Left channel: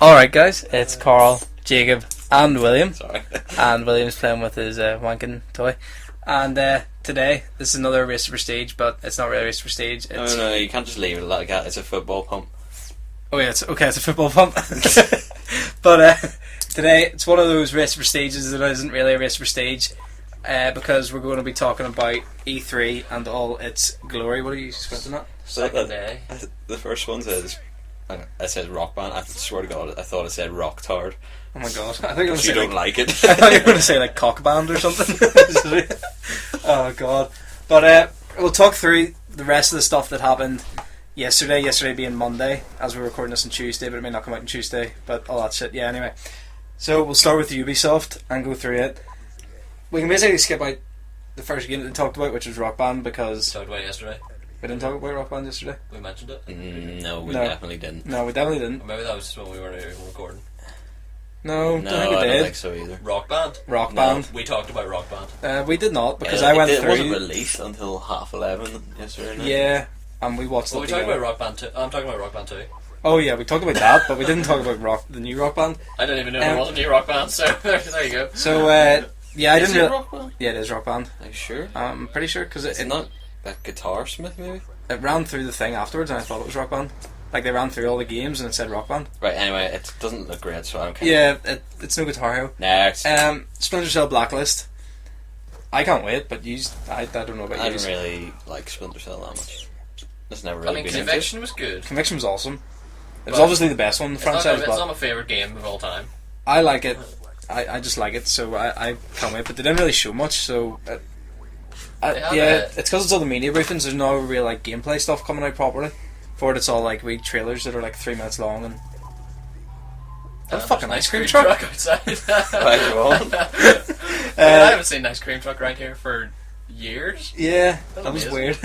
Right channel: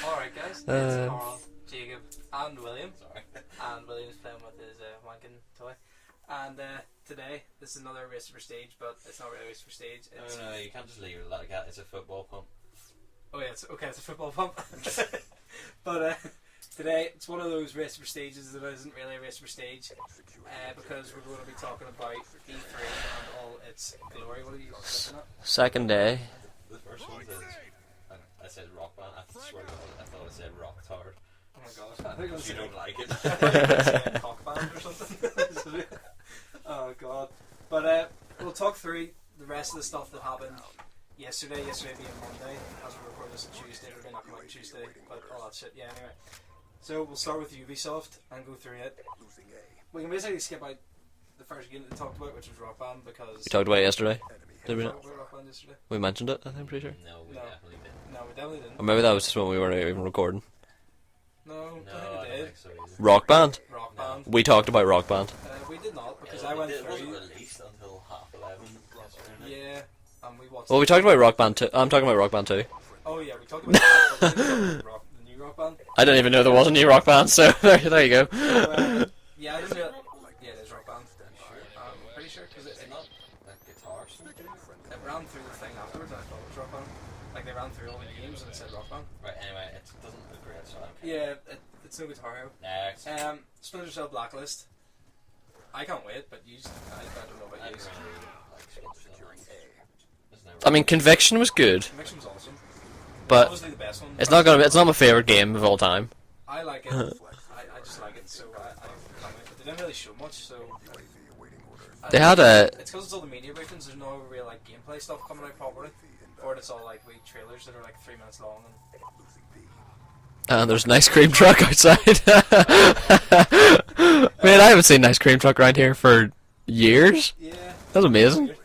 Alright guys, it's Karl, Jacob and William. Sorry. And William's playing with his wanking toy. And today, this is another Race to Prestige, but it's not really a Race to Prestige. It's... No, you can't just leave it like that. It's a football pump. Oh yeah, it's a football pump. But today, it's one of those Race to Prestiges that isn't really a Race to Prestige. Because we're going to be talking about E3 and all its glory. What are you squinting at? Second day. The first one says, it said rock band. I swear to God, I thought it said rock tard. Oh my God! I think you If you don't like it. I thought you were going to say like cock band or something. Oh God! But we'll talk through the rest of the stuff that happened yesterday. Yesterday being Monday, as we're recording this on Tuesday, but it may not come out on Tuesday. But all that shit. Yeah. Anyway, so we'll start with Ubisoft and go through it. We can basically skip out the first game that we talked about, which was Rock Band, because We talked about it yesterday. we didn't talk about Rock Band yesterday. We mentioned it. No, we No. definitely didn't. No, we definitely didn't. Or maybe that was just when we weren't even recording. No, No, don't think we I did. don't think so either. Rock Band. Rock No. Band. We talked about Rock Band. We did not, because Yeah, I went it through. wasn't released until 11:30 yesterday night. Yeah, and we watched. Well, we talked about Rock Band 2. I'm talking about Rock Band 2. Oh yeah, we talked about that, but we didn't talk about the new Rock Band. I didn't even know there was a new Rock Band, so there you go. So yeah, I Is didn't. it rock band? Yeah, it is Rock Band. Are you sure? I'm pretty sure because It's not that Guitar Smith, maybe? it ran through the thing afterwards, and I thought it was Rock Band. Like they ran through all the games and it said Rock Band. Right, anyway, it doesn't look great, so I'm kind Yeah, it's no Guitar Hero. Next. Splinter Cell Blacklist. I can't wait, but I don't know about I you. don't really like Splinter Cell that much. It's never I really mean, been Conviction was good. Conviction was awesome. It's But obviously the best one. It's not my favorite game of all time. I like it. I just like it, so I can't wait. But they didn't really show much, so They had it's because it's all the media briefings. There's no real like gameplay stuff coming out properly. For it, it's all like wee trailers that are like 3 minutes long and. There's fucking an ice cream truck outside. Man, I haven't seen an ice cream truck around here for years. Yeah, That's amazing. weird.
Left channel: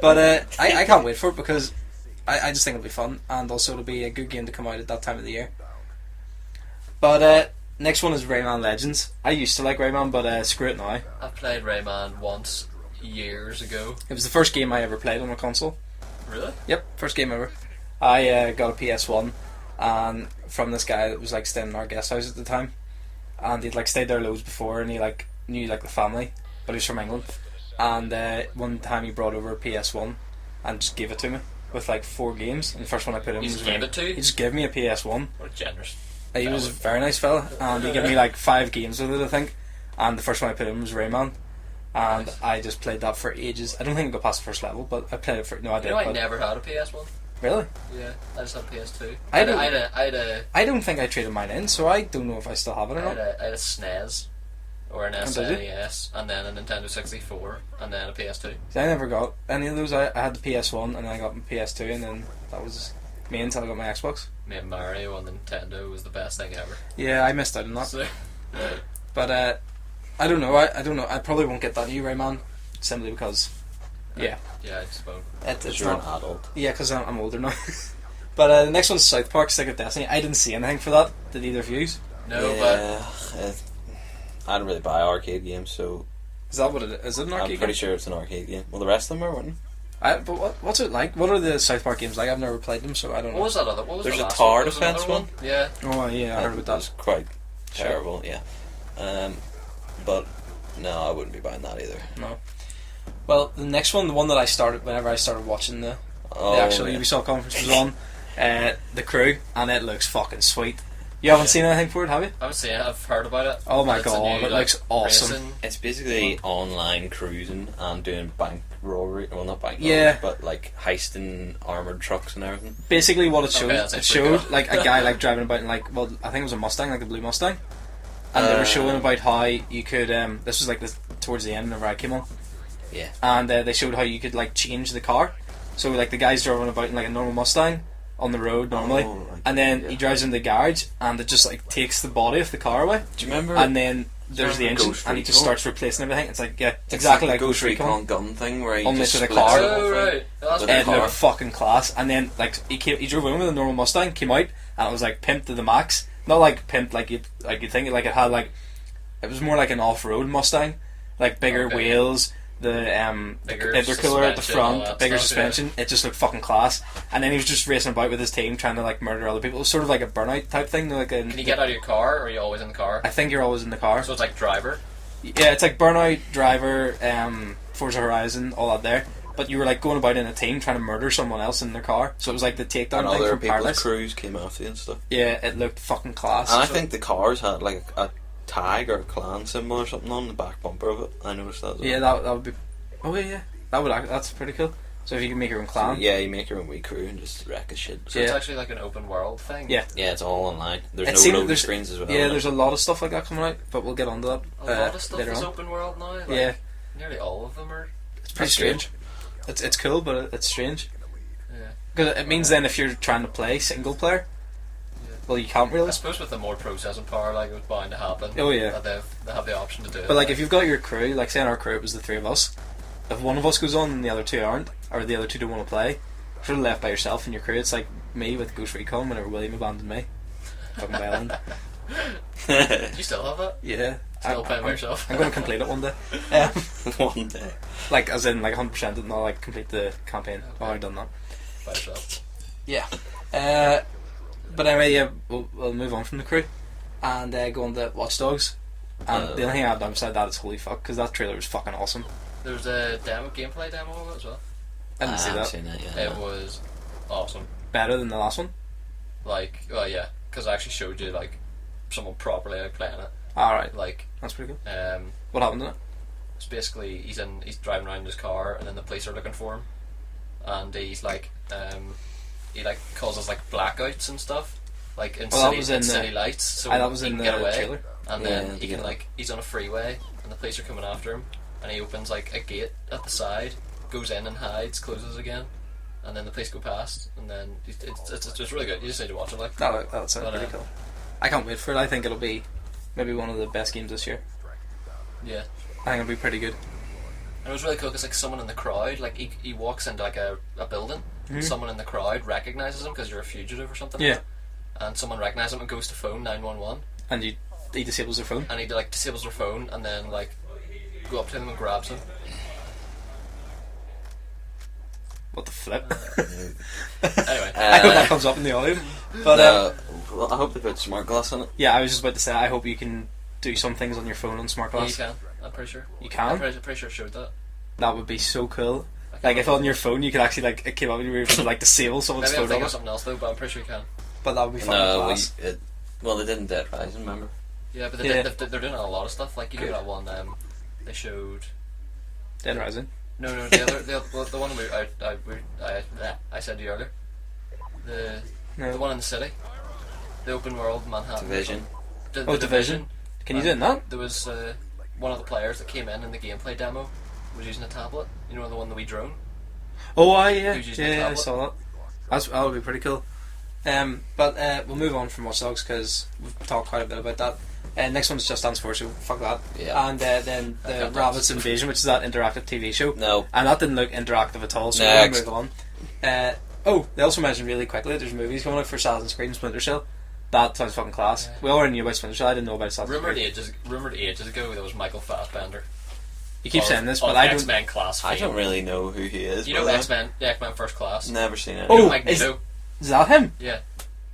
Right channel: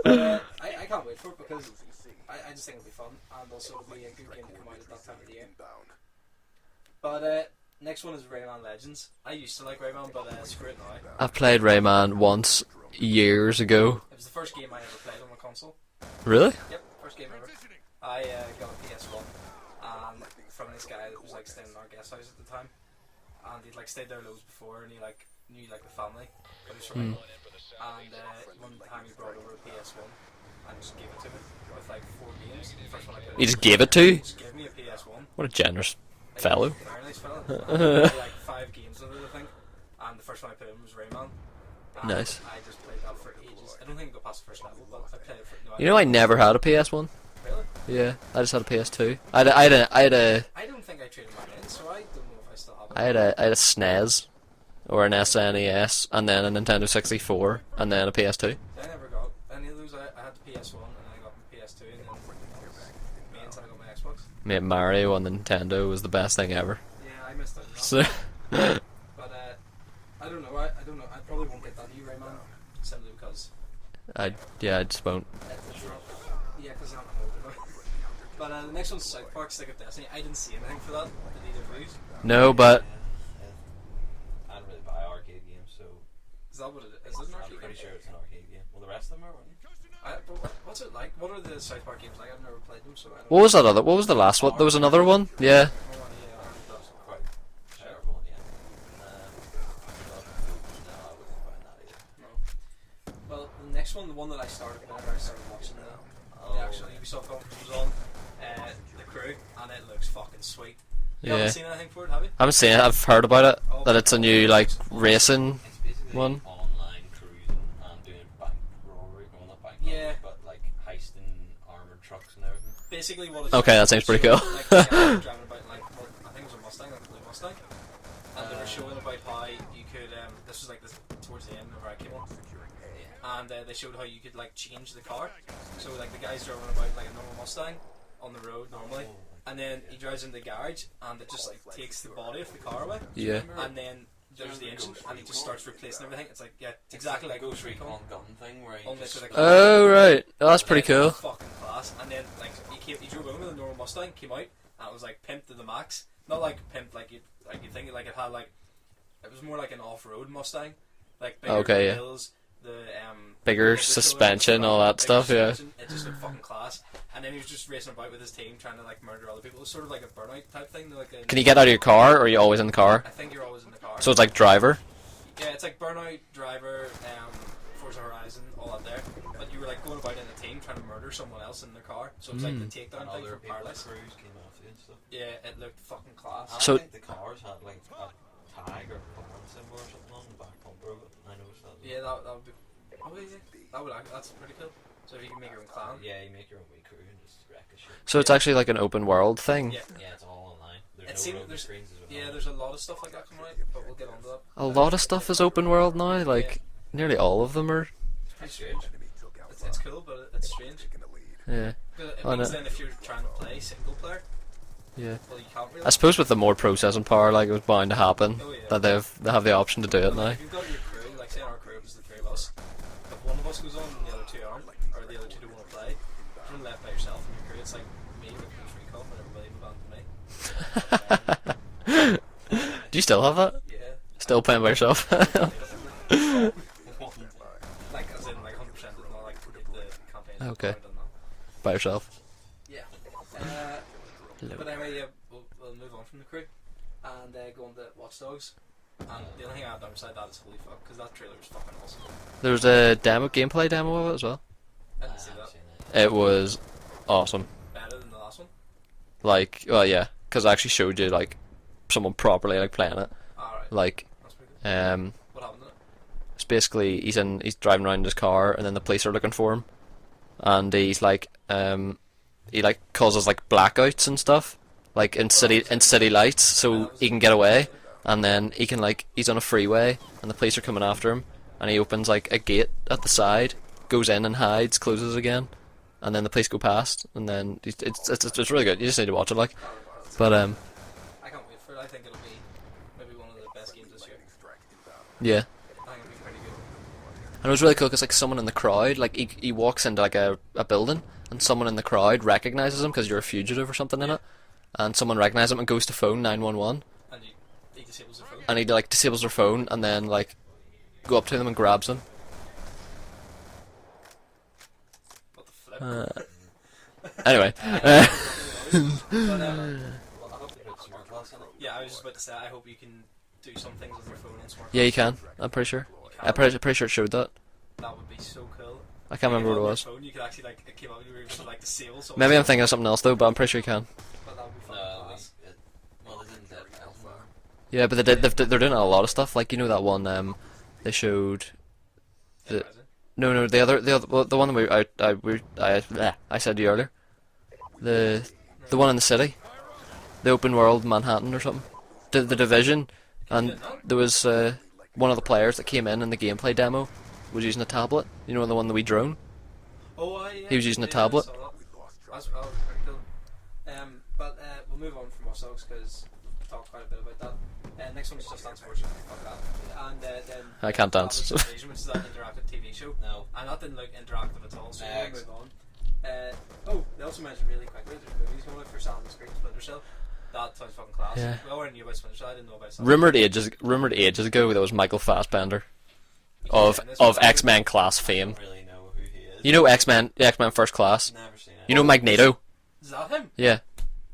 But I can't wait for it because I just think it'll be fun, and also it'll be a good game to come out at that time of the year. But next one is Rayman Legends. I used to like Rayman, but screw it now. I've played Rayman once years ago. It was the first game I ever played on a console. Really? Yep, first game ever. I got a PS1 and from this guy that was like staying in our guest house at the time, and he'd like stayed there loads before, and he like knew like the family, but he was from England. And one time he brought over a PS1 and just gave it to me with like 4 games. And the first one I put in. You just gave it to you? He just gave me a PS1. What a generous He fellow. was a very nice fella, and he gave me like 5 games with it, I think. And the first one I put in was Rayman. And Nice. I just played that for ages. I don't think I got past the first level, but I played it for no. You know, I never had a PS1. Really. Yeah, I just had a PS2. I I had I don't think I traded mine in, so I don't know if I still have it. Or not. a SNES or an did SNES, and then a Nintendo 64, and then a PS2. I never got any of those. I had the PS1, and then I got my PS2, and then that was me until I got my Xbox. Mate, Mario on the Nintendo was the best thing ever. Yeah, I missed out on that. So, But I don't know. I don't know. I probably won't get that new Rayman simply because yeah, I just won't. it's You're an not. adult. Yeah, because I'm older now. But the next one's South Park: Stick of Destiny. I didn't see anything for that. Did either of you? Is No, but I don't really buy arcade games, so that what it is? Is it an arcade I'm pretty game? sure it's an arcade game. Well, the rest of them are, weren't But what's it like? What are the South Park games like? I've never played them, so I don't. what was that other? What was There's the a last one? Tar There was another Defense one. Yeah. Oh yeah, I heard about that. It's quite terrible, yeah. But no, I wouldn't be buying that either. No. Well, the next one, the one that I started whenever I started watching the actual yeah. Ubisoft conference was on, The Crew, and it looks fucking sweet. You haven't Yeah. seen anything for it, have you? I haven't seen it. I've heard about it. Oh my that it's a God, new it like looks awesome. racing. It's basically online cruising and doing bank robbery. Well, not bank Yeah. robbery, but like heisting armoured trucks and everything. Basically, what it showed, Okay, that sounds pretty showed, cool. like a guy like driving about in like, well, I think it was a Mustang, like a blue Mustang, and they were showing about how you could. This was like towards the end whenever I came on, Yeah. and they showed how you could like change the car. So like the guy's driving about in like a normal Mustang on the road normally, Oh, right. and then he drives in the garage, and it just like takes the body of the car away. Do you remember? And then there's the remember engine, Ghost and he just Recon? starts replacing everything. It's like It's exactly like the Ghost Recon. gun thing where he Only just for the splits car. it Oh over. right, oh, that's But pretty It cool. was fucking class. And then like he drove in with a normal Mustang, came out, and it was like pimped to the max. Not like pimped like you think, like it had like, it was more like an off-road Mustang, like bigger Okay. wheels, the Bigger intercooler at the suspension, front, all that bigger stuff, yeah. suspension. It just looked fucking class. And then he was just racing about with his team trying to like murder other people. It was sort of like a Burnout type thing. Like Can you get out of your car, or are you always in the car? I think you're always in the car. So it's like Driver. Yeah, it's like Burnout, Driver, Forza Horizon, all that there. But you were like going about in a team trying to murder someone else in their car. So it was like the takedown And thing other from people's Paradise. crews came after you and stuff. Yeah, it looked fucking class. And So- I think the cars had like a tag or a clan symbol or something on the back bumper of it. I noticed that as well. yeah, that would be. Oh yeah, that's pretty cool. So if you can make your own clan. So, yeah, you make your own wee crew and just wreck a shit. So it's Yeah. actually like an open world thing. Yeah. Yeah, it's all online. There's It no seems- loading there's- screens as well. Yeah, there's a lot of stuff like that coming out, but we'll get onto that. A lot of stuff later is on. open world now. Like Yeah. nearly all of them are. It's pretty That's strange. It's cool, but it's strange. Yeah. Because it means then if you're trying to play single player, Yeah. well, you can't really. I suppose with the more processing power, like it was bound to happen. Oh yeah. That they have the option to do it. But like now. if you've got your crew, like say in our crew it was the three of us, if one of us goes on and the other two aren't, or the other two don't want to play, you're sort of left by yourself in your crew. It's like me with Ghost Recon whenever William abandoned me. Fucking violent. Do you still have that? Yeah. Still playing by yourself? I'm gonna complete it one day. One day. Like as in like 100% and not like complete the campaign. Okay. I've already done that. By yourself? Yeah. But anyway, yeah, we'll move on from the crew and go on to Watch Dogs. And the only thing I've done beside that is holy fuck, because that trailer was fucking awesome. There was a gameplay demo of it as well. I didn't see haven't that. seen it yet. It was awesome. Better than the last one. Like, well, yeah, because I actually showed you like someone properly like playing it. Alright, Like, that's pretty good. it's What happened in it? basically he's driving around in his car, and then the police are looking for him, and he's like, he like causes like blackouts and stuff, like in Oh, that was in city the- lights, so that was he in can the get away. trailer. And then Yeah, he can yeah. like he's on a freeway and the police are coming after him, and he opens like a gate at the side, goes in and hides, closes again, and then the police go past, and then it's really good. You just need to watch it, like. That's But, pretty cool. I can't wait for it. I think it'll be maybe one of the best games this year. Yeah, I think it'll be pretty good. and it was really cool because like someone in the crowd, like he walks into like a building, and someone in the crowd recognizes him because you're a fugitive or something. In Yeah. it, and someone recognizes him and goes to phone 911, And he disables their phone. and he like disables their phone, and then like go up to them and grabs them. What the flip? Anyway, I hope that comes up in the audio. But Well, I hope they put smart glass in it. yeah, I was just about to say I hope you can do some things on your phone on smart glass. yeah, you can. I'm pretty sure. You can? I'm pretty sure it showed that. That would be so cool. I can't Like if remember on what it your was. phone you could actually like it came up and you were able to like disable someone's Maybe I'm phone thinking or- of something else though, but I'm pretty sure you can. But that would be fucking No, class. well, they didn't Dead Rising, remember? Yeah, but Yeah. they're doing a lot of stuff. Like, you know that one they showed. Dead Rising. No, the one I said to you earlier. The one in the city, the open world Manhattan or Division. something. The Oh, Division. Can you do it in that? There was one of the players that came in the gameplay demo was using a tablet. You know, the one that we drone. Oh, yeah. He was using a yeah, tablet. I saw that. That would be pretty cool. But we'll move on from Watch Dogs because we've talked quite a bit about that. Next one's Just Dance 4, so fuck that. Yeah. And then I can't dance. Rabbit's Invasion, which is that interactive TV show. No. And that didn't look interactive at all, so Next. we'll move on. They also mentioned really quickly that there's movies coming out for Assassin's Creed and Splinter Cell. That sounds fucking class. Yeah. We already knew about Splinter Cell, I didn't know about Assassin's Rumored Creed. ages ago that was Michael Fassbender You keep saying this, of but I X Men class I don't fame. really know who he is. You know X-Men First Class. Never seen it. You know Oh, Magneto. Is that him? Yeah,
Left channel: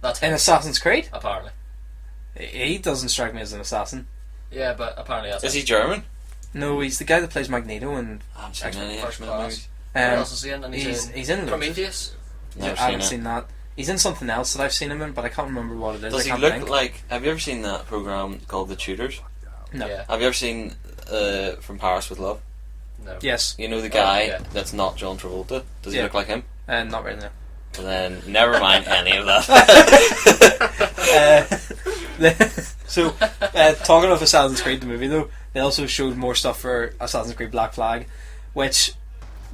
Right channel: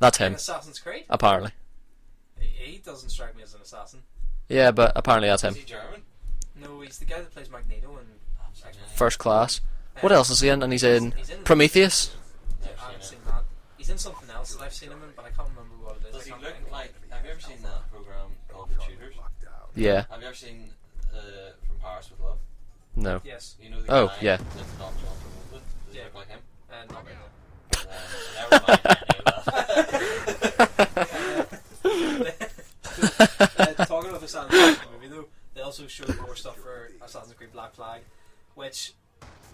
that's In him. Assassin's Creed? Apparently. He doesn't strike me as an assassin. Yeah, but apparently that's Is him. he German? No, he's the guy that plays Magneto and I haven't seen X-Men any First of Class. um, What else is he in? And he's in Prometheus. Never I haven't seen it. seen that. He's in something else that I've seen him in, but I can't remember what it is. Does I he can't look think. like? Have you ever seen that program called The Tudors? No. Yeah. Have you ever seen From Paris with Love? No. Yes. You know the Oh, guy yeah. that's not John Travolta? Does he Yeah. look like him? Not right now. And then never mind any of that. So, talking of Assassin's Creed the movie though, they also showed more stuff for Assassin's Creed Black Flag, which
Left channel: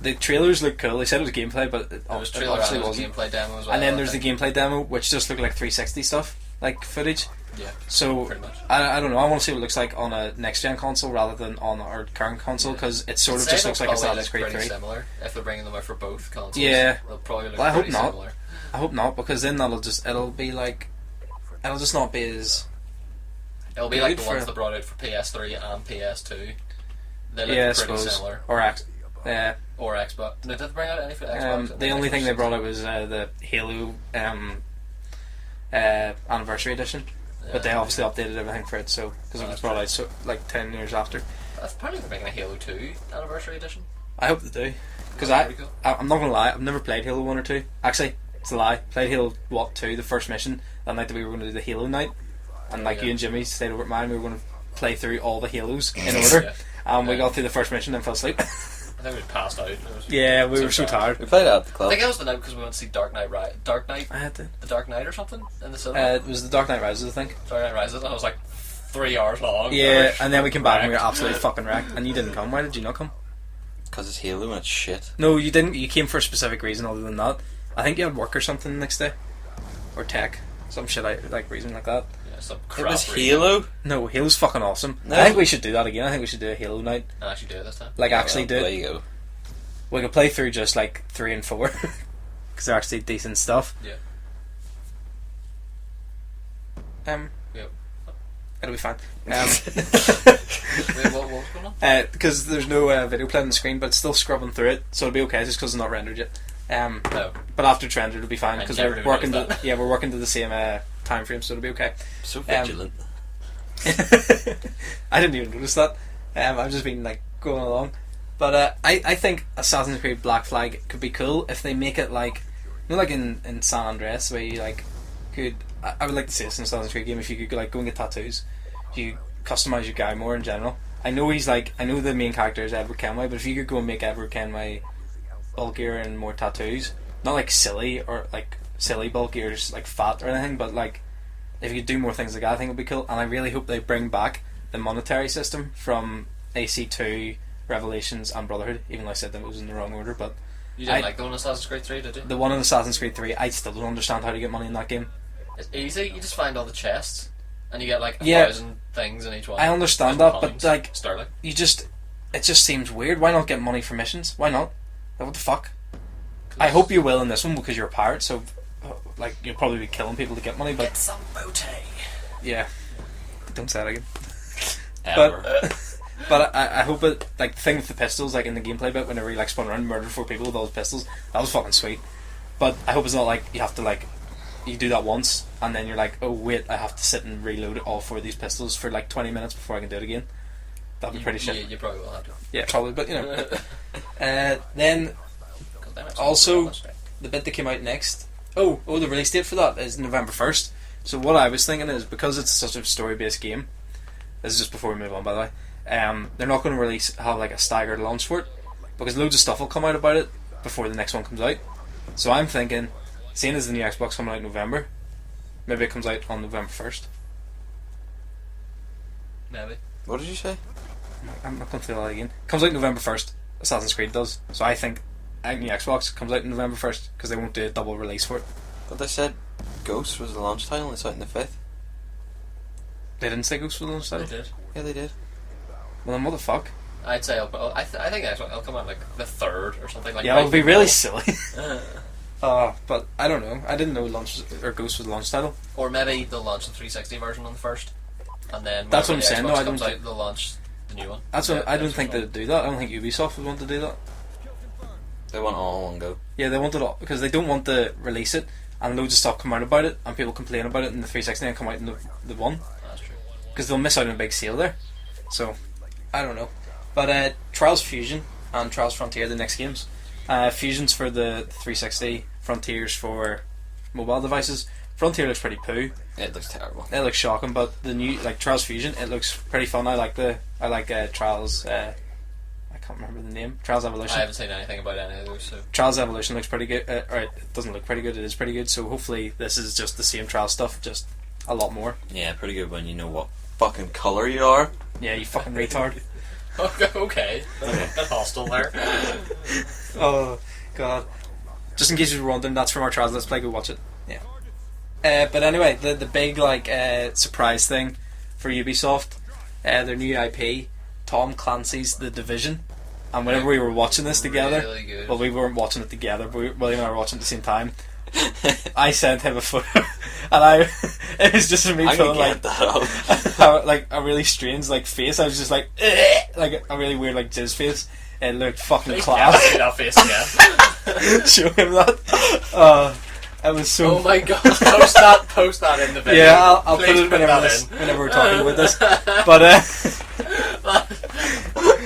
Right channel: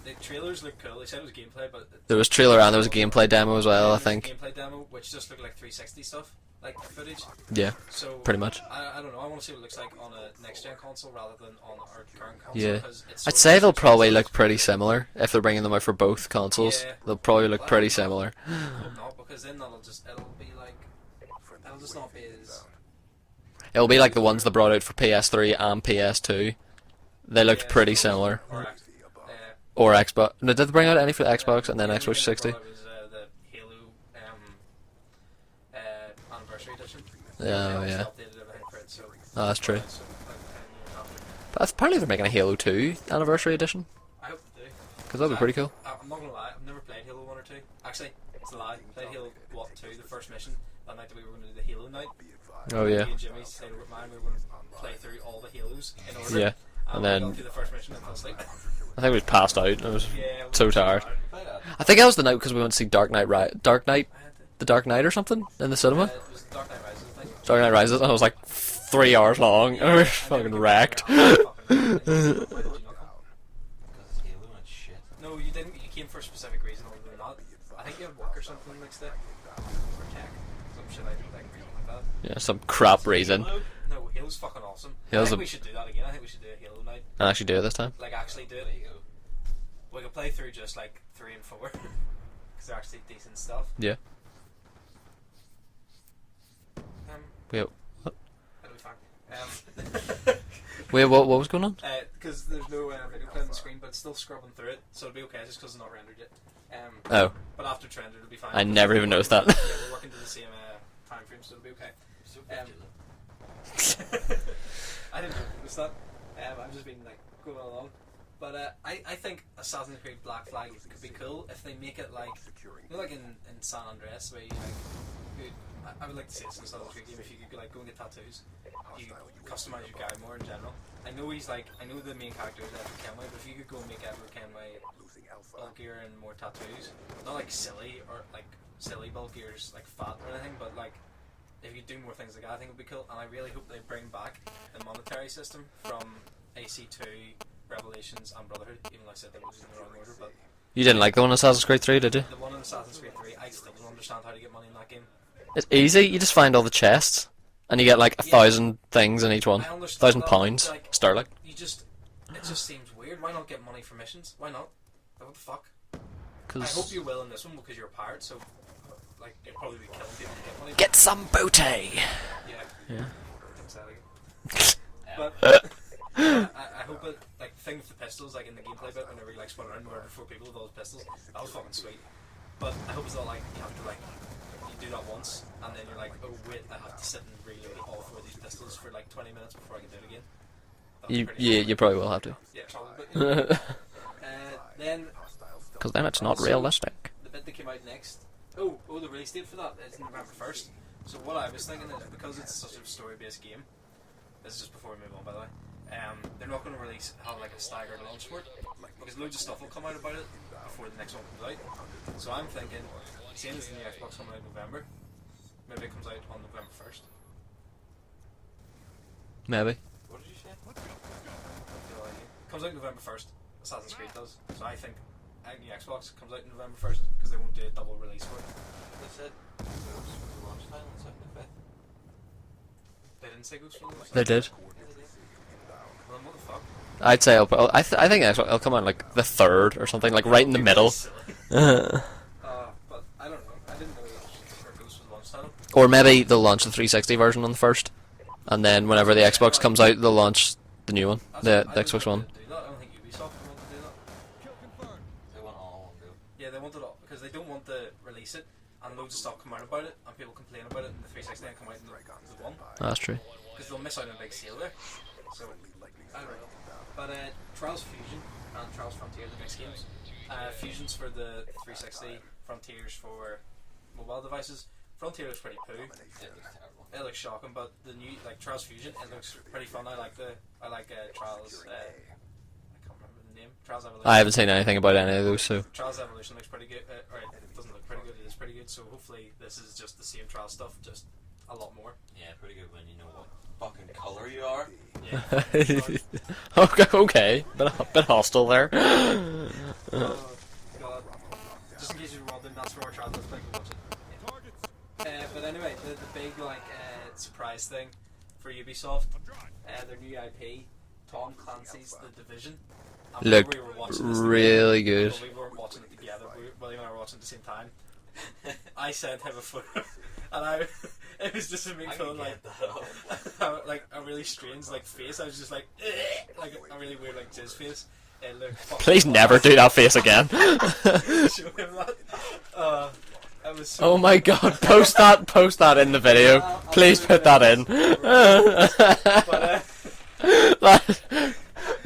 the trailers look cool. They said it was gameplay, but There was trailer and there was a obviously gameplay demo as well. wasn't. And then I there's think. the gameplay demo, which just looked like 360 stuff, like footage. Yeah, So pretty much. I don't know. I want to see what it looks like on a next gen console rather than on our current console Yeah. because it's sort I'd of say just they'll looks probably like look Assassin's Creed pretty 3. similar if they're bringing them out for both consoles. Yeah. They'll probably look Well, I pretty hope not. similar. I hope not because then it'll be like it'll just not be as It'll be like the Good ones for- that brought out for PS3 and PS2. They looked Yeah, I pretty suppose. similar. Or Xbox. No, did they bring out any for the Xbox and then the only Xbox thing 60? they brought out was the Halo anniversary edition. But they obviously updated everything for it, so because it was that's brought true. out like 10 years after. But apparently they're making a Halo 2 anniversary edition. I hope they do. Because that'd be pretty cool. I'm not gonna lie, I've never played Halo 1 or 2. Actually, it's a lie. Played Halo 2, the first mission, that night that we were going to do the Halo night. And Oh, like yeah. you and Jimmy stayed over at mine, we were going to play through all the Halos in order. Yeah. And we then- got through the first mission and fell asleep. I think we passed out. I was Yeah, we so were so tired. tired. We played that. I think that was the night because we went to see Dark Knight, I had to. The Dark Knight or something in the cinema. It was the Dark Knight Rises, I think. Dark Knight Rises, and it was like 3 hours long. Yeah, and then we came back and we Wrecked. were absolutely fucking wrecked. And you didn't come. Why did you not come? Because it's Halo and it's shit. No, you didn't. You came for a specific reason other than that. I think you had work or something the next day. Or tech. Some shit like reason like that. Yeah, some crap It's reason. Halo? No, Halo's fucking awesome. No. I think we should do that again. I think we should do a Halo night. I actually do it this time. Like, actually do There it. you go. We could play through just like 3 and 4. Because they're actually decent stuff. Yeah. Wait, It'll be fine. wait, what was going on? Because there's no video playing on the screen, but it's still scrubbing through it, so it'll be okay just because it's not rendered yet. Oh, But after it's rendered, it'll be fine. I 'cause never we're even working noticed that. Yeah, we're working to the same time frame, so it'll be okay. So vigilant. I didn't even notice that. I've just been like going along. But I think Assassin's Creed Black Flag could be cool if they make it like, you know, like in San Andreas, where you like could. I would like to see this in a Assassin's Creed game if you could like go and get tattoos. You customize your guy more in general. I know the main character is Edward Kenway, but if you could go and make Edward Kenway bulkier and more tattoos, not like silly or like silly bulky or just like fat or anything, but like if you could do more things like that, I think it would be cool. And I really hope they bring back the monetary system from AC2, Revelations, and Brotherhood. Even though I said that it was in the wrong order, but you didn't like the one in Assassin's Creed 3, did you? the one in Assassin's Creed 3, I still don't understand how to get money in that game. It's easy. You just find all the chests, and you get like 1,000 things in each one. I understand 1,000 that, pounds but like sterling. it just seems weird. Why not get money for missions? Why not? Like, what the fuck? I hope you will in this one because you're a pirate, so like you'll probably be killing people to get money. But, Get some booty. yeah. Don't say that again. Ever. But I hope it, like, the thing with the pistols, like in the gameplay bit, whenever you like spun around and murdered 4 people with all those pistols, that was fucking sweet. But I hope it's not like you have to like you do that once and then you're like, oh wait, I have to sit and reload all 4 of these pistols for like 20 minutes before I can do it again. That'd be pretty shit. You probably will have to. Yeah, probably, but you know. Then Because then it's Also- not realistic. the bit that came out next. The release date for that is November 1st. So what I was thinking is, because it's such a story-based game, this is just before we move on, by the way. They're not going to have like a staggered launch for it, because loads of stuff will come out about it before the next one comes out. So I'm thinking, seeing as the new Xbox coming out in November, maybe it comes out on November 1st. Maybe. What did you say? I'm not going to say that again. Comes out November 1st. Assassin's Creed does. So I think new Xbox comes out November 1st because they won't do a double release for it. But they said Ghost was the launch title and it's out in the 5th. They didn't say Ghost was They did. Yeah, they did. Well then what the fuck? I'd say I think it'll come out like the 3rd or something, like Yeah, right it would in be the really middle. silly. But I don't know. I didn't know Ghost was the launch title. Or maybe they'll launch the 360 version on the 1st, and then That's whenever the what I'm saying, Xbox though, I comes don't- out, they'll launch the new one. That's the what, I don't Xbox think one. they'd do that. I don't think Ubisoft would want to do that. They want all in one go. Yeah, they want it all because they don't want to release it and loads of stuff come out about it and people complain about it in the 360 and come out in the one That's true. because they'll miss out on a big sale there. So I don't know. But Trials Fusion and Trials Frontier, the next games. Fusion's for the 360, Frontier's for mobile devices. Frontier looks pretty poo. It looks terrible. It looks shocking, but the new Trials Fusion, it looks pretty fun. I like Trials. I can't remember the name. Trials Evolution. I haven't seen anything about any of those, so Trials Evolution looks pretty good. Or it doesn't look pretty good. It is pretty good. So hopefully this is just the same Trials stuff, just a lot more. Yeah, pretty good when you know what fucking colour you are. Yeah, you fucking retard. okay. Bit hostile there. Oh god. Just in case you were wondering, that's from our Trials Let's Play. Go watch it. Yeah. But anyway, the big surprise thing for Ubisoft, their new IP, Tom Clancy's The Division. And whenever we were watching this together, really good. well, we weren't watching it together, but William and I were watching it at the same time. I sent him a photo, and It was just me I can pulling like get that up. like a really strange like face. I was just like a really weird like jizz face. It looked fucking Please class. never do that face again. Show him that. It was so. Oh my god! Post that in the video. Yeah, I'll Please put put that in. whenever we're talking about this. But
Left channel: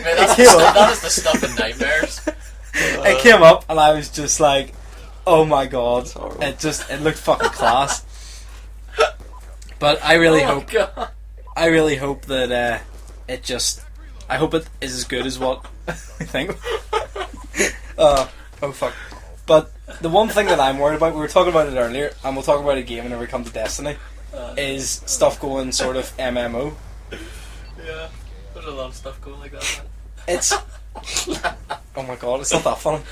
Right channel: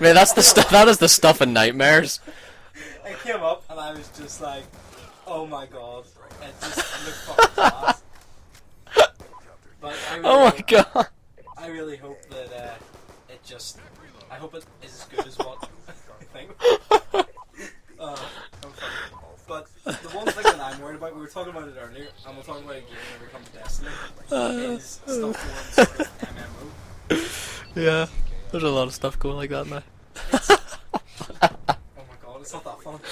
Man, that is the stuff in nightmares. it came up and I was just like, oh my god! It looked fucking class. But I really hope. God. I really hope that I hope it is as good as what I think. Oh fuck. But the one thing that I'm worried about, we were talking about it earlier, and we'll talk about it again whenever we come to Destiny, is stuff going sort of MMO. Yeah, there's a lot of stuff going like that now. It's oh my god, it's not that funny.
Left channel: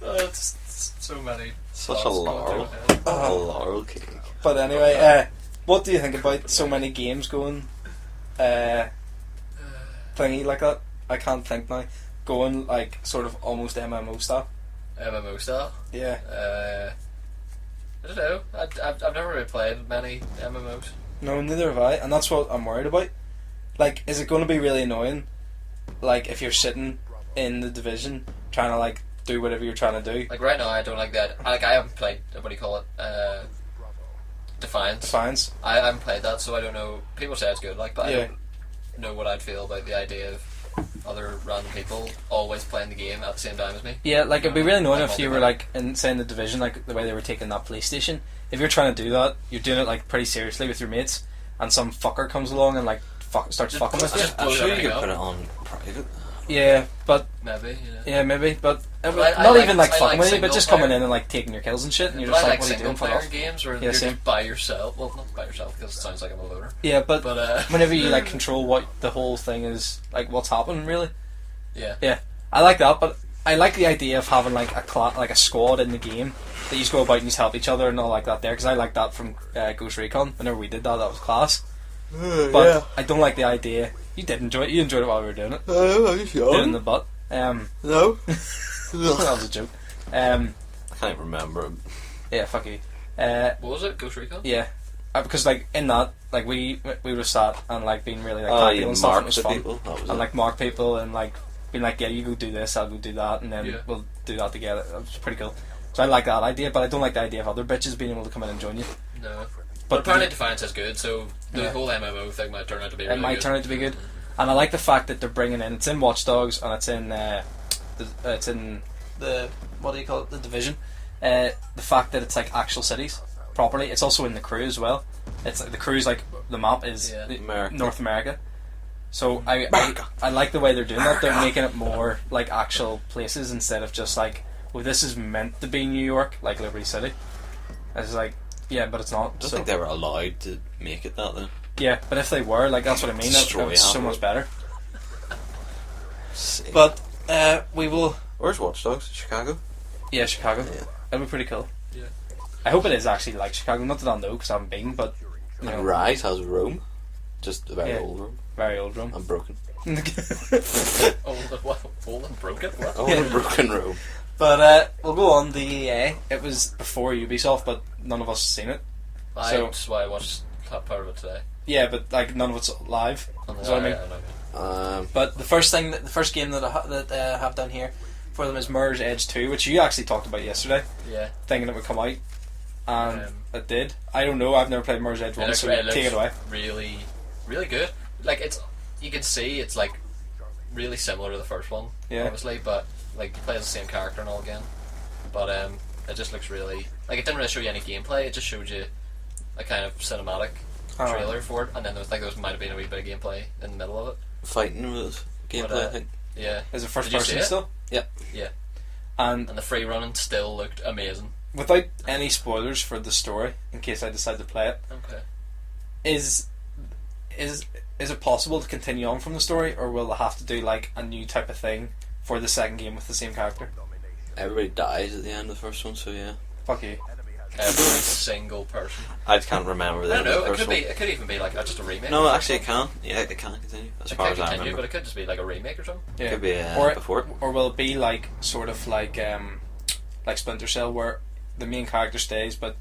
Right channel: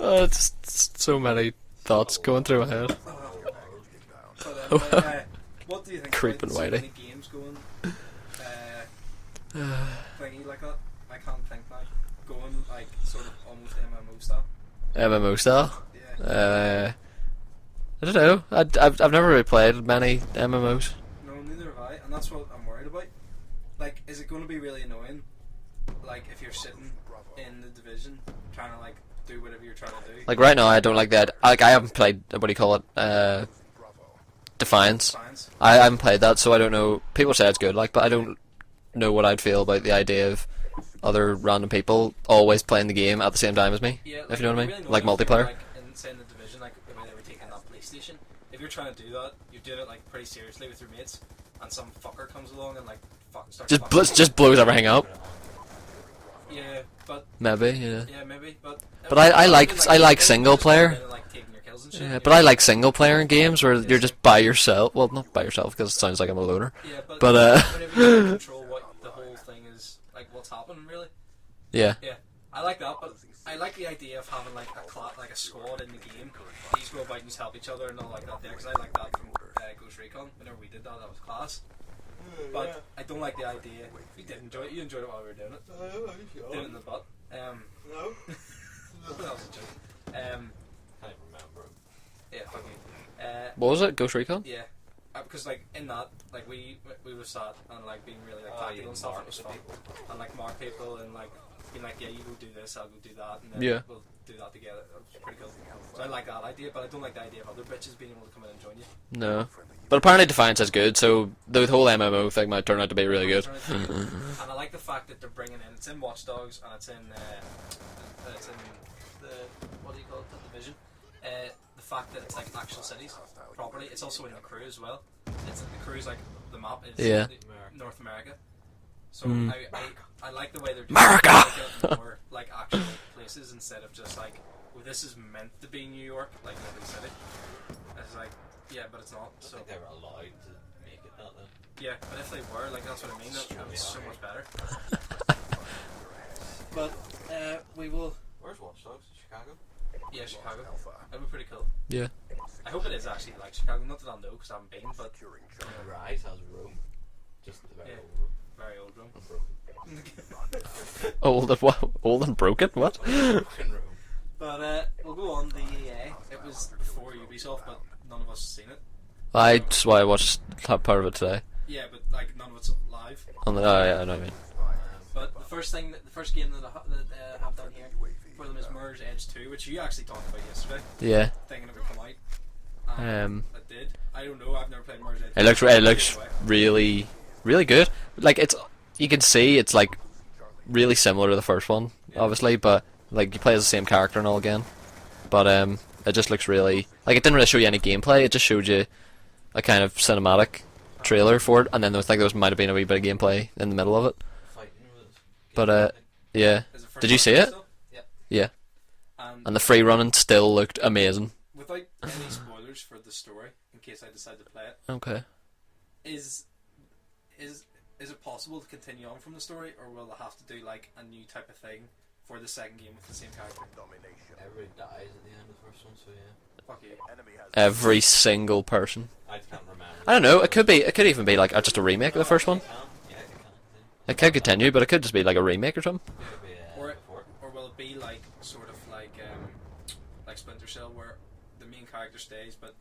It's so many thoughts going through my head. Laurel cake. But anyway, what do you think Creeping about so away. many games going thingy like that? I can't think now. Going like sort of almost MMO style. MMO style. Yeah. I don't know. I've never really played many MMOs. No, neither have I, and that's what I'm worried about. Like, is it going to be really annoying? Like, if you're sitting in the division trying to like do whatever you're trying to do. Like right now, I don't like that. Like I haven't played. What do you call it? Defiance. Defiance. I haven't played that, so I don't know. People say it's good, like, but I Yeah. don't know what I'd feel about the idea of other random people always playing the game at the same time as me. Yeah, like You know it'd be what I really mean? annoying Like if you were multiplayer. like in say in the division, like the way they were taking that PlayStation. If you're trying to do that, you're doing it like pretty seriously with your mates, and some fucker comes along and like starts Just fucking. just blows Sure, everything you up. Put it on private. Yeah, but Maybe, yeah. yeah, maybe, but. But I not like- even, I fun like with it, single but just player. coming in and like taking your kills and shit. Yeah, and but you're I just like what are you single doing? player Fuck off. games where Yeah, you're same. just by yourself. Well, not by yourself because it sounds like I'm a loner. Yeah, but But whenever you like control what the whole thing is, like what's happening really. yeah. Yeah, I like that, but I like the idea of having like like a squad in the game that you just go about and you just help each other and all like that there, because I like that from Ghost Recon. Whenever we did that, that was class. But I don't like the idea. You did enjoy it. You enjoyed it while we were doing it. Did it in the butt. No. That was a joke. I can't remember. Yeah, fuck you. What was it? Ghost Recon? Yeah, because like in that, like we would have sat and like been really like Oh, tactical you and stuff. And it marked was the fun. people. That was And it. like mark people and like being like, yeah, you go do this, I'll go do that, and then Yeah. we'll do that together. It was pretty cool. So I like that idea, but I don't like the idea of other bitches being able to come in and join you. No. But apparently Defiance is good, so the whole MMO thing might turn out to be It really might good. turn out to be good. And I like the fact that they're bringing in. It's in Watch Dogs and it's in the what do you call it? The Division. The fact that it's like actual cities properly. It's also in the crew as well. It's like the crew's like the map is Yeah. America. North America. So Mm. I like the way they're doing it. They're making it more like actual places instead of just like, well, this is meant to be New York, like Liberty City. It's like, yeah, but it's not. I don't So think they were allowed to make it that though. yeah, but if they were, like, that's what I mean. That Destroy was so half much of better. See. But we will. Where's Watch Dogs? Chicago? Yeah, Chicago. Yeah. That'd be pretty cool. Yeah. I hope it is actually like Chicago. Not that I know because I haven't been, but you Like know, Rise has Rome. Just a very Yeah. old Rome. very old Rome. And broken. Old and what? Old and broken? What? Old and broken Rome. But we'll go on the EA. It was before Ubisoft, but none of us seen it. That's why I watched part of it today. Yeah, but like none of it's live. On the, So, I mean- I know. Yeah. But the first game that I have done here for them is Mirror's Edge 2, which you actually talked about yesterday, Yeah. thinking it would come out, and it did. I don't know. I've never played Mirror's Edge. It looks so it take looks it away. really really good. Like it's you can see it's like really similar to the first one, Yeah. obviously, but like you play as the same character and all again. But it just looks really like it didn't really show you any gameplay. It just showed you a kind of cinematic trailer for it, and then there might have been a wee bit of gameplay in the middle of it. Fighting with But, gameplay, I think. Yeah. Is it first Did you see person it? Still? Yeah. Yeah. And And the free running still looked amazing. without any spoilers for the story, in case I decide to play it, Okay. is it possible to continue on from the story, or will they have to do like a new type of thing for the second game with the same character? Everybody dies at the end of the first one, so yeah. Fuck you. Every single person. I can't remember. I don't know. the It first could be. one. It could even be like just a remake No, of the first actually, one. it can. Yeah, it can continue. As It far could as I continue, remember. but it could just be like a remake or something. Yeah. Could be or before. or will it be like sort of like Splinter Cell, where the main character stays, but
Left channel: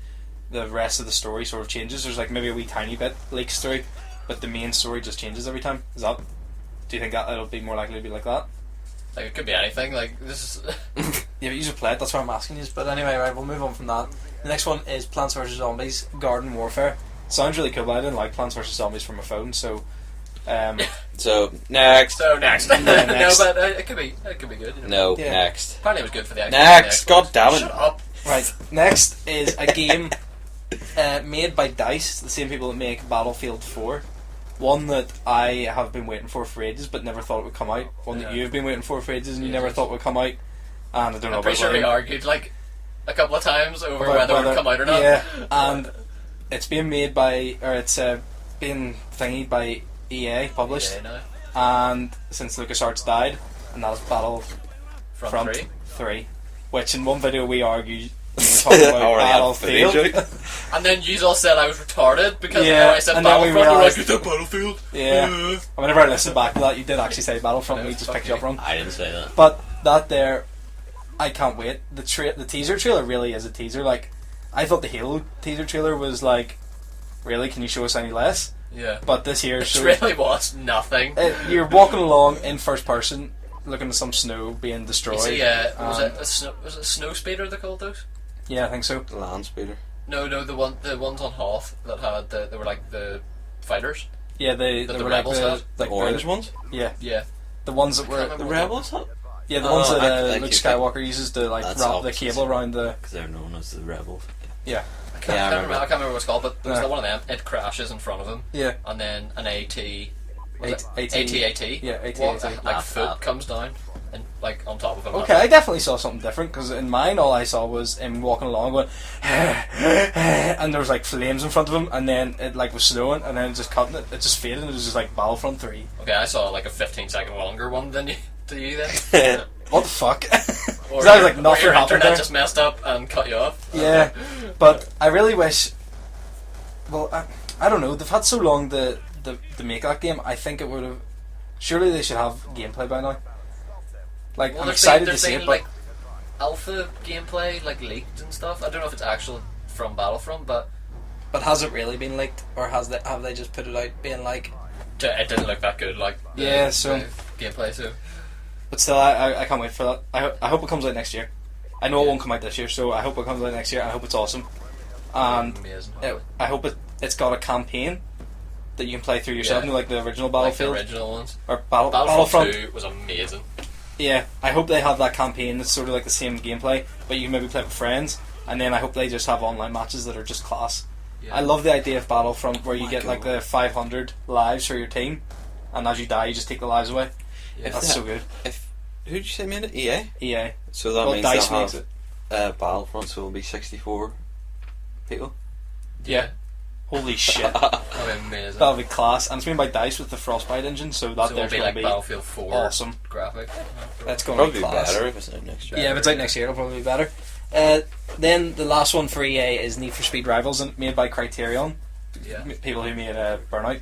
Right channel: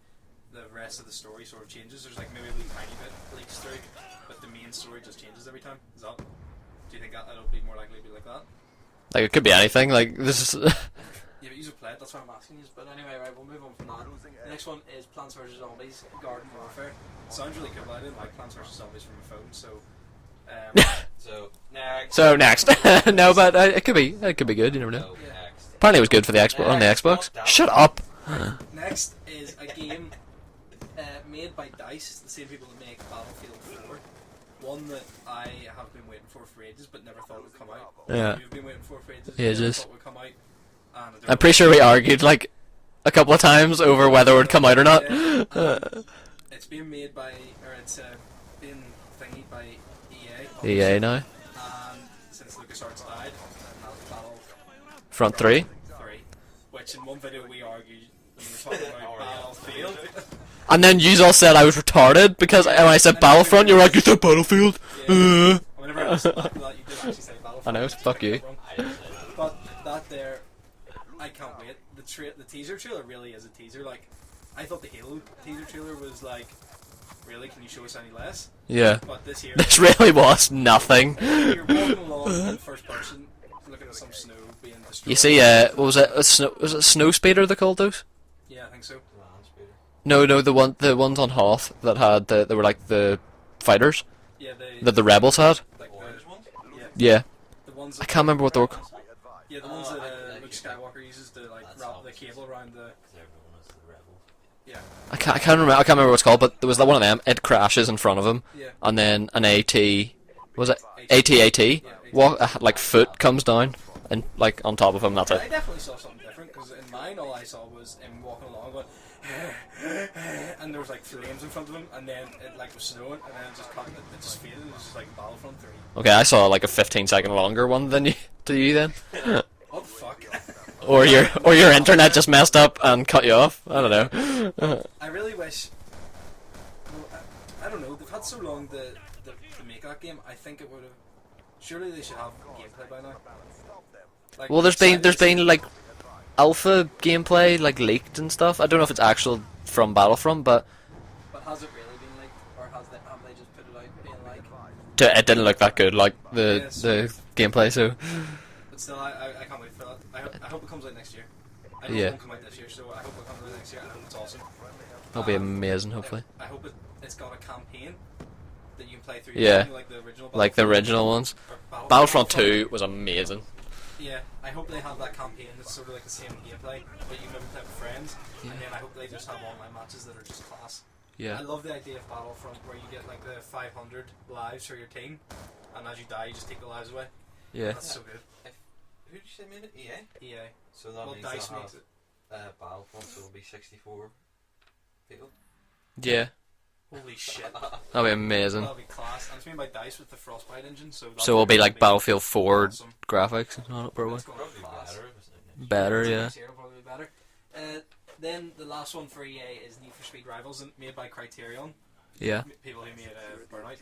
the rest of the story sort of changes. There's like maybe a wee tiny bit leaks through, but the main story just changes every time. Do you think that it'll be more likely to be like that? Like, it could be anything. Like, this is. Yeah, but you should play it, that's what I'm asking you. But anyway, right, we'll move on from that. The next one is Plants vs Zombies Garden Warfare. Sounds really cool, but I didn't like Plants vs Zombies from my phone, so So next. So next. Next. No, but it could be good. You never know. No, Yeah. next. Apparently, it was good for the Xbox. Next, And the Xbox. God damn it. Shut up. right, next is a game made by DICE, the same people that make Battlefield 4. One that I have been waiting for ages, but never thought it would come out. One that you've been waiting for ages, and you never thought would come out. And I don't know I'm pretty sure we argued like a couple of times over whether it would come out or not. Yeah, and it's being made by, or it's being thingied by EA, published. EA now. And since LucasArts died, and that is Front 3. 3, which in one video we argued. We were talking about Already had Battlefield. And then you all said I was retarded because Yeah, when I said and then Battlefront, we you were like, realised- you said Battlefield. Yeah. And whenever I listened back to that, you did actually say Battlefront. I know, We just fuck picked you. you up wrong. I didn't say that. But that there, I can't wait. The teaser trailer really is a teaser. Like, I thought the Halo teaser trailer was like, really? Can you show us any less? Yeah. But this here, Which really was nothing. you're walking along in first person, looking at some snow being destroyed. You see, what was it? Was it Snow Speeder they called those? Yeah, I think so. The land speeder. No, the ones on Hoth that had they were like the fighters Yeah, that the rebels had. The orange ones? Yeah, Yeah, the ones that I can't remember what they were. Rebels? Yeah, the ones that I Luke keep Skywalker uses to like That's wrap the opposites. cable around the. Because they're known as the rebels. Yeah, I can't remember what it's called, but there was Yeah. one of them. It crashes in front of him, yeah. and then an AT. Was it AT. AT? Yeah, AT. Like That's foot that. comes down and like on top of him. Okay, I definitely saw something different because in mine all I saw was him walking along going, and there was like flames in front of him, and then it like was snowing, and then just cutting it. It just faded. And it was just like Battlefront 3. Okay, I saw like a 15-second longer one than you. Do you then? What the fuck? Or Sounds your, like or nothing your happened internet there. just messed up and cut you off. I don't Yeah, know. but I really wish. Well, I don't know. They've had so long to make that game. I think it would have. Surely they should have gameplay by now. Like, Well, I'm there's excited to see been it, like alpha gameplay like leaked and stuff. I don't know if it's actual from Battlefront, but but has it really been leaked, or have they just put it out being like? it didn't look that good. Like the, Yeah, so- the gameplay. So But still, I can't wait for that. I hope it comes out next year. I know it Yeah. won't come out this year, so I hope it comes out next year. I hope it's awesome. it'll be And amazing. Hopefully, I hope it's got a campaign that you can play through yourself, Yeah. you know, like the original like the Battlefield. original ones. Or Battlefront Battlefront 2 was amazing. Yeah, I hope they have that campaign that's sort of like the same gameplay, but you can maybe play it with friends. And then I hope they just have online matches that are just class. Yeah, I love the idea of Battlefront where you my get like God. the 500 lives for your team, and as you die, you just take the lives away. Yeah. That's so good. Who did you say made it? EA? EA. So that Well, means DICE they'll makes have it. Battlefront, so it'll be 64 people. Yeah, Holy shit. that'll be amazing. That'll be class. And it's made by DICE with the Frostbite engine, so that So it'll be there's like gonna Battlefield 4 awesome. graphics. That's going Probably to be be class. better if it's out next year. Better, Yeah, if it's out yeah. next year, it'll probably be better. Then the last one for EA is Need for Speed Rivals, and made by Criterion, Yeah, people who made Burnout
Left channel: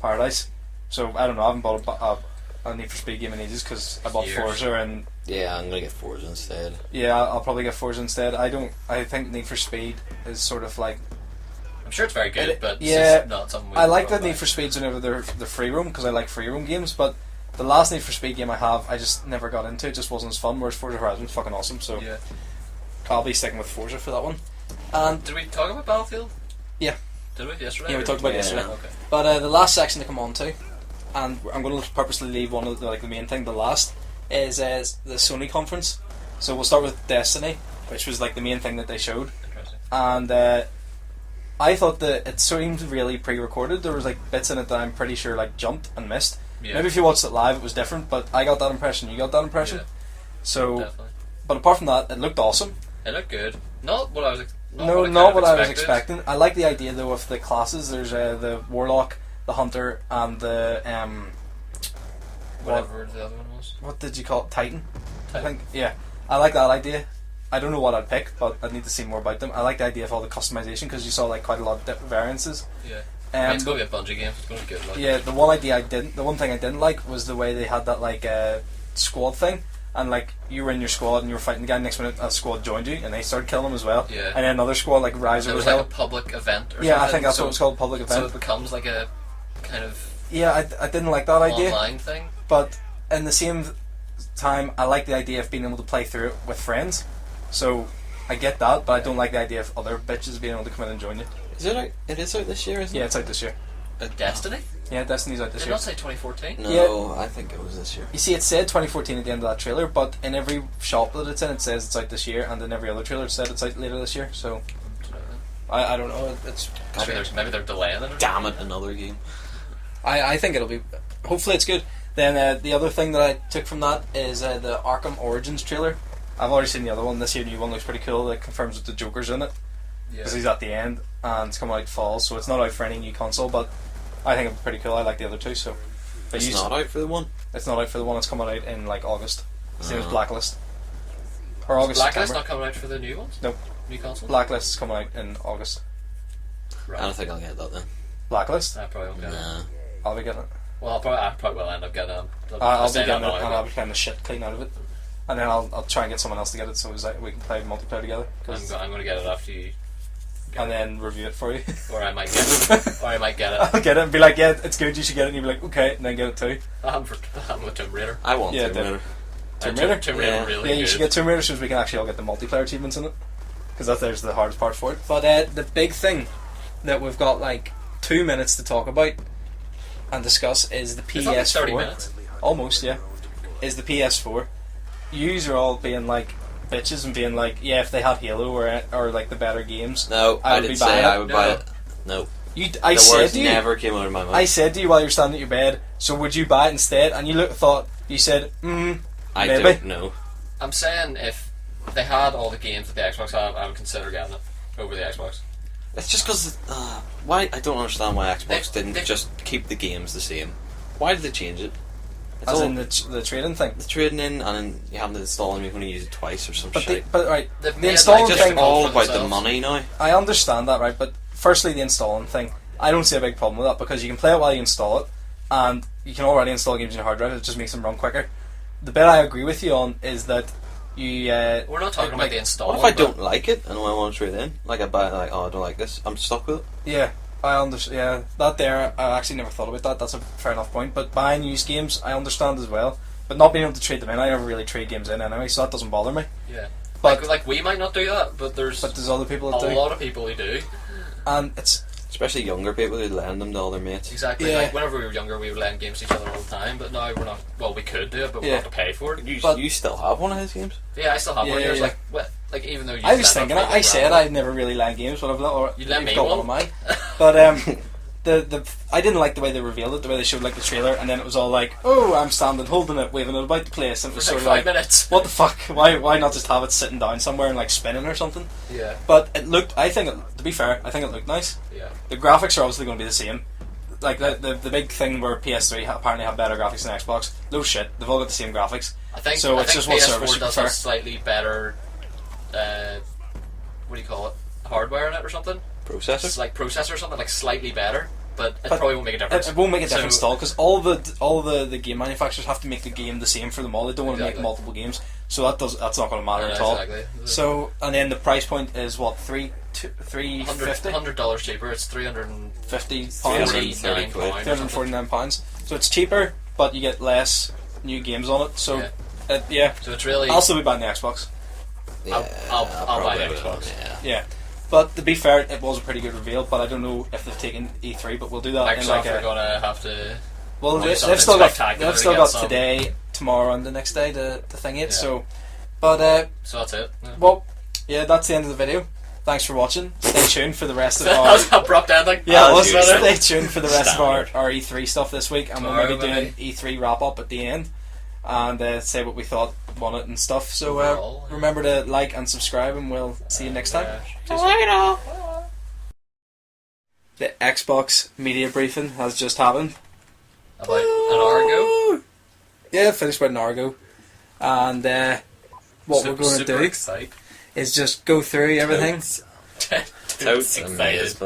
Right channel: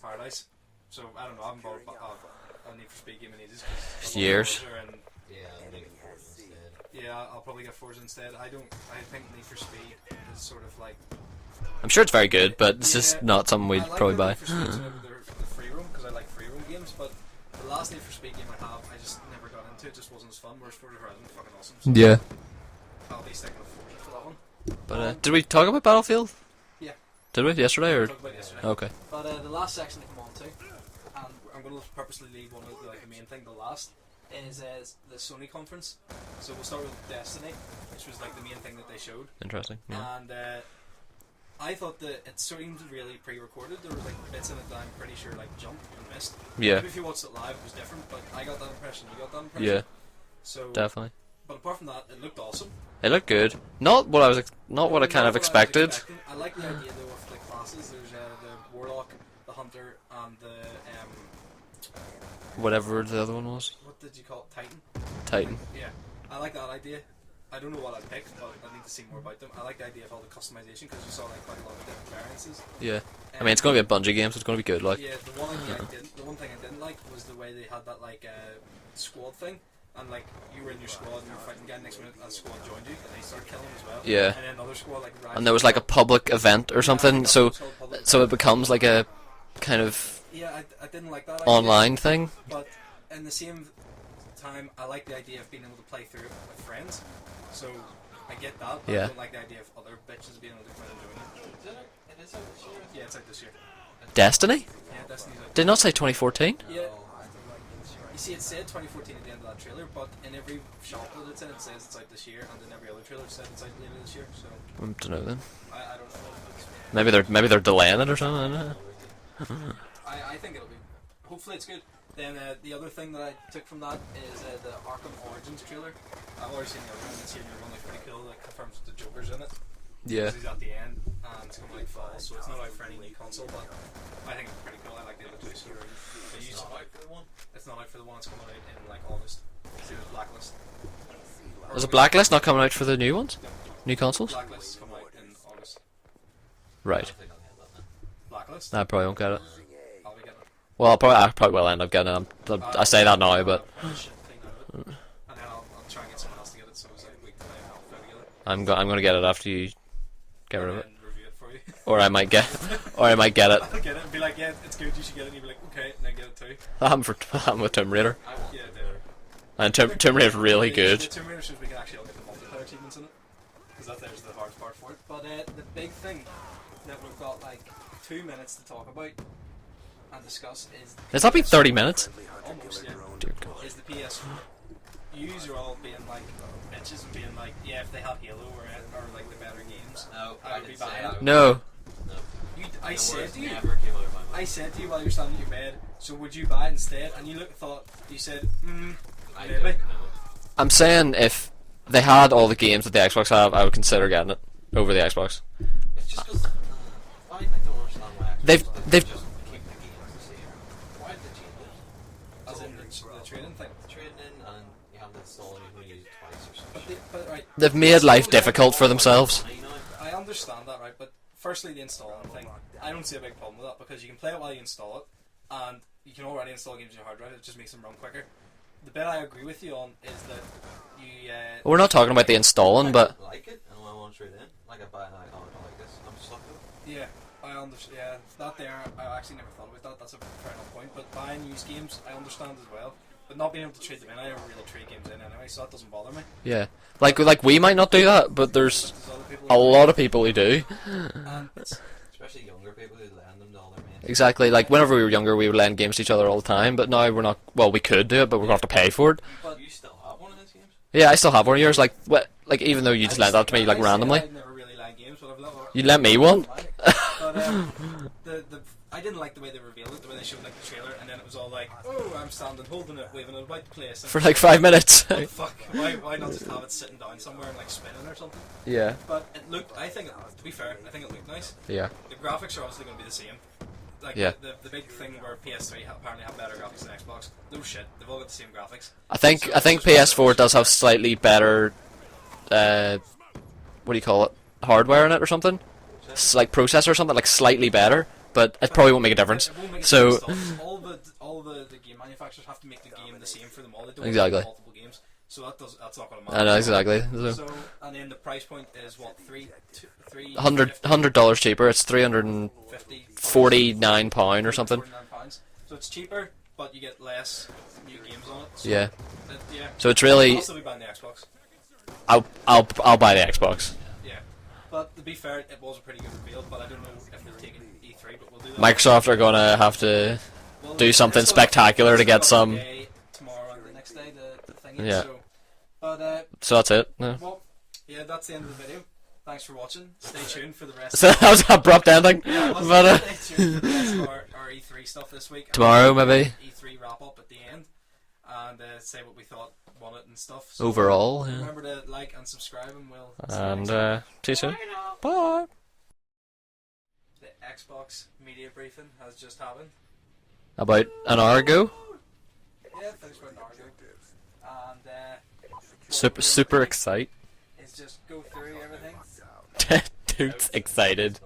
Paradise. So I don't know, I haven't bought a Need for Speed game in ages because I bought Years. Forza, and Yeah, I'm gonna get Forza instead. yeah, I'll probably get Forza instead. I think Need for Speed is sort of like, I'm sure it's very good, but it's Yeah, just not something we. I like probably that buy. Need for Speeds whenever they're free roam because I like free roam games, but the last Need for Speed game I have, I just never got into. It just wasn't as fun. Whereas Forza Horizon was fucking awesome. So Yeah. I'll be sticking with Forza for that one. Did we talk about Battlefield? Yeah. Did we yesterday? Yeah, we or? talked about it Yeah. yesterday. Okay. But the last section to come on to, and I'm going to purposely leave one of the main thing, the last, is the Sony conference. So we'll start with Destiny, which was like the main thing that they showed, Interesting. and I thought that it seemed really pre-recorded. There was like bits in it that I'm pretty sure like jumped and missed. Yeah. Maybe if you watched it live, it was different, but I got that impression. You got that impression. Yeah. So, Definitely. but apart from that, it looked awesome. It looked good. Not what I was. Not No, what I kind not of what I was expected. expecting. I like the idea though of the classes. There's the warlock, the hunter, and the Whatever the other one was. what did you call it? Titan. I Titan. think, yeah, I like that idea. I don't know what I'd pick, but I need to see more about them. I like the idea of all the customization because you saw like quite a lot of different variances. Yeah. I mean, it's Um, going to be a Bungie game, so it's going to be good. Like. Yeah, the one thing I didn't like was the way they had that like squad thing, and like you were in your squad and you were fighting the guy. Next minute, a squad joined you and they started killing him as well. Yeah. And then another squad like rise. And there was like a public event or something. I think that's so what it's called, public event. So it becomes like a kind of I didn't like that idea. online thing. But in the same time, I like the idea of being able to play through it with friends. So I get that, but I don't like the idea of other bitches being able to come in and join you. Is it out? It is out this year, isn't it? Yeah, it's out this year. Destiny? Yeah, Destiny's out this Did year. not say 2014. No, I think it was this year. You see, it said 2014 at the end of that trailer, but in every shop that it's in, it says it's out this year, and in every other trailer it said it's out later this year. So I don't know then. I don't know. It's Maybe they're delaying it or Damn something. it, another game. I think it'll be. Hopefully, it's good. Then the other thing that I took from that is the Arkham Origins trailer. I've already seen the other one. This year, new one looks pretty cool. It confirms that the Joker's in it Yeah. because he's at the end, and it's coming out fall, so it's not out for any new console. But I think it's pretty cool. I like the other two. So but It's not out for the one. It's not out for the one. It's coming out in like August. Same as Oh. Blacklist. Or Is August, Blacklist September. not coming out for the new ones? No. New consoles? Blacklist is coming out in August. I Right. don't think I'll get that then. Blacklist. I probably won't get it. Nah. I'll be getting it. Well, I probably will end up getting it. I I'll say be that getting now, it, and I'll but be playing the shit clean out of it, and then I'll try and get someone else to get it so we can play multiplayer together. I'm going to get it after you get And it. then review it for you. Or I might get it. I'll get I'm with Tomb Raider. I want Yeah, Tomb Raider. And Tomb Raider? Tomb Raider Yeah. really Yeah, you should good. get Tomb Raider so we can actually all get the multiplayer achievements in it, because there's the hardest part for it. But the big thing that we've got like 2 minutes to talk about and discuss is the PS4. It's not been 30 minutes. Almost, yeah. Is the PS4. Yous are all being like bitches and being like, yeah, if they had Halo or like the better games, No, I I would did be say buying I it. would No. buy it. No. I The said words to you, never came out of my mouth. I said to you while you were standing at your bed, so would you buy it instead? And you you said, I maybe. don't know. I'm saying if they had all the games that the Xbox have, I would consider getting it over the Xbox. It's just because why I don't understand why Xbox They've didn't just keep the games the same. Why did they change it? It's as all in the trading thing. the trading in, and then you have to install them. You're going to use it twice or some shit. But right, They've the made installing life thing- difficult all for about the themselves. money now. I understand that, right? But firstly, the installing thing, I don't see a big problem with that because you can play it while you install it, and you can already install games on your hard drive. It just makes them run quicker. The bit I agree with you on is that you. We're not talking about the If installing, I but don't like it and I want to trade in, like I buy it, like I don't like this, I'm stuck with it. Yeah, I understand. Yeah, that there, I actually never thought about that. That's a fair enough point. But buying used games, I understand as well. But not being able to trade them in, I never really trade games in anyway, so that doesn't bother me. yeah, like we might not do that, but there's But there's other people a that do. lot of people who do. And it's Especially younger people who lend them to all their mates. Exactly. Yeah. Like whenever we were younger, we would lend games to each other all the time. But now we're not. Well, we could do it, but we Yeah. have to pay for it. You still have one of his games? Yeah, I still have one of Yeah, yours. yeah. Like what? Like even though you I lent was that to thinking, me like I said randomly. I'd never really lend games, but I've or You lent me got one. of mine. But the I didn't like the way they revealed it, the way they showed like the trailer, and then it was all like, oh, I'm standing, holding it, waving it about the place, and For it was like sort of 5 minutes. What the fuck? Why not just have it sitting down somewhere and like spinning or something? Yeah. But it looked. I think to be fair, I think it looked nice. Yeah. The graphics are obviously going to be the same. Like Yeah. the big thing where PS3 apparently have better graphics than Xbox. No shit, they've all got the same graphics. I think So I it's think just what PS4 service does you have prefer. slightly better. What do you call it? Hardware in it or something? Processor? It's like processor or something, like slightly better, but it But probably won't make a difference. It won't make a So- difference at all because all the game manufacturers have to make the game the same for them all. They don't want to Exactly. make multiple games, so that's not going to I matter know at all. exactly. So and then the price point is what three $100 cheaper. It's £349 £49 or something. £49. So it's cheaper, but you get less new games on it. So Yeah. yeah. So it's really. I'll still be buying the Xbox. I'll buy the Xbox. Yeah. Yeah. But to be fair, it was a pretty good reveal. But I don't know if they've taken E3. But we'll do that. Microsoft are gonna have to. well, do they've something still got- spectacular they've to still get got some- today, tomorrow, and the next day to thing it. Yeah. So, but So that's it. Yeah. well, yeah, that's the end of the video. Thanks for watching. Stay tuned for the rest that of was our. an abrupt ending. Yeah, That's well, about it. stay tuned for the rest of our E3 stuff this week. And Tomorrow, we'll be doing maybe. E3 wrap up at the end, and say what we thought on it and stuff. So Overall, yeah. remember to like and subscribe, and we'll see you next time. See you soon. Bye. The Xbox media briefing has just happened. About an hour ago. Yeah, finished about an hour ago. And what we're going to Super do excited. is just go through everything. Dude's excited.